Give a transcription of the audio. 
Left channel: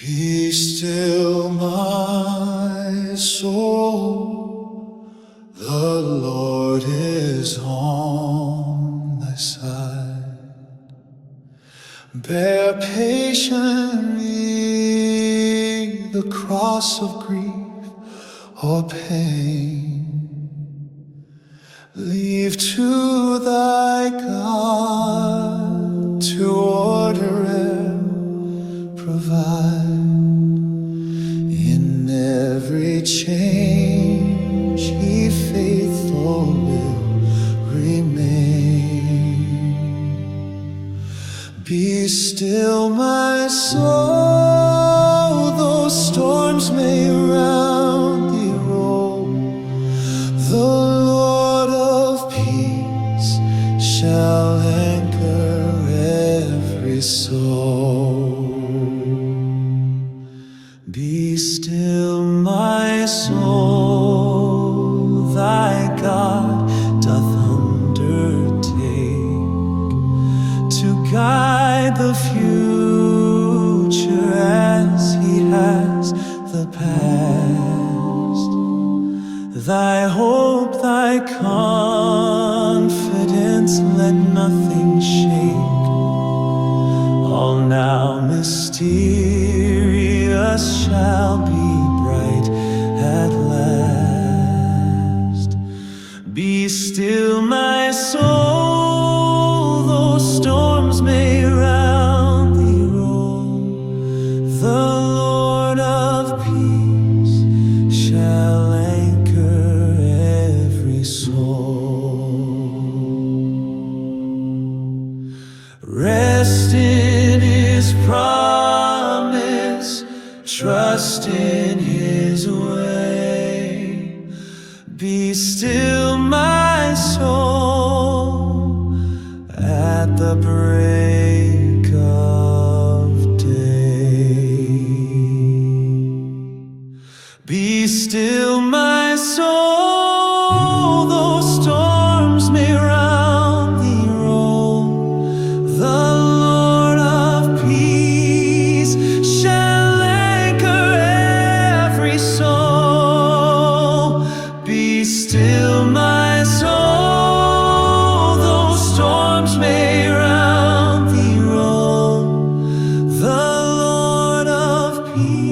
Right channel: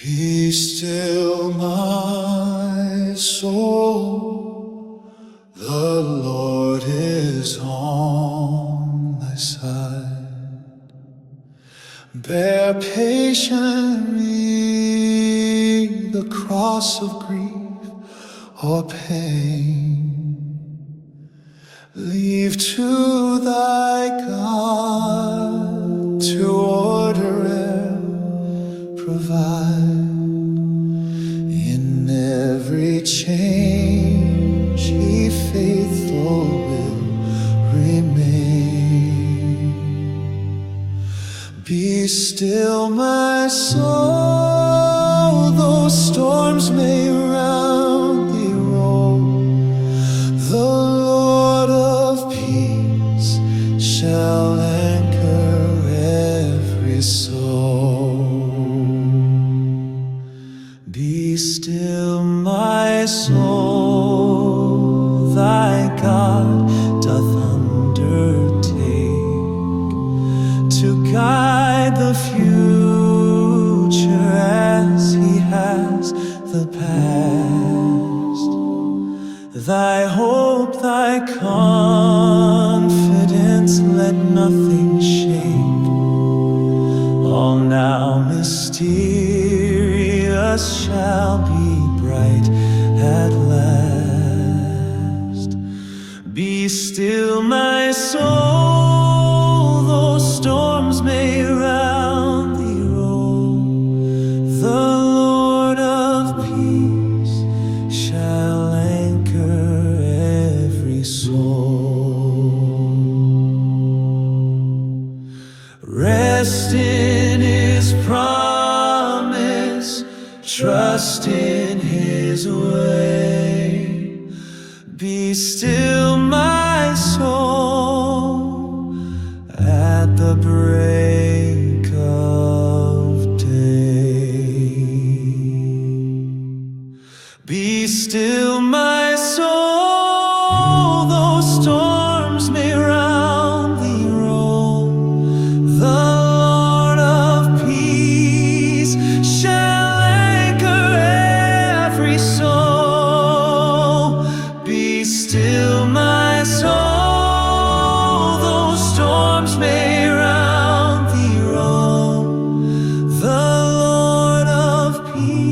Be still, my soul, the Lord is on thy side. Bear patiently the cross of grief or pain. Leave to thy God to order and provide. In every change He faithful will remain. Be still, my soul, though storms may round thee roll. The Lord of peace shall anchor every soul. Be still, my soul, thy God doth undertake to guide the future as He has the past. Thy hope, thy confidence, let nothing shake. All now mysterious shall be bright at last. Be still, my soul, though storms may round thee roll. The Lord of peace shall anchor every soul. Rest in His promise, trust in His way. Be still, my soul, at the break of day. Be still, my soul, though storms may round thee roll. The Lord of peace shall anchor every soul. Be still, my soul, though storms may round thee roll. The Lord of peace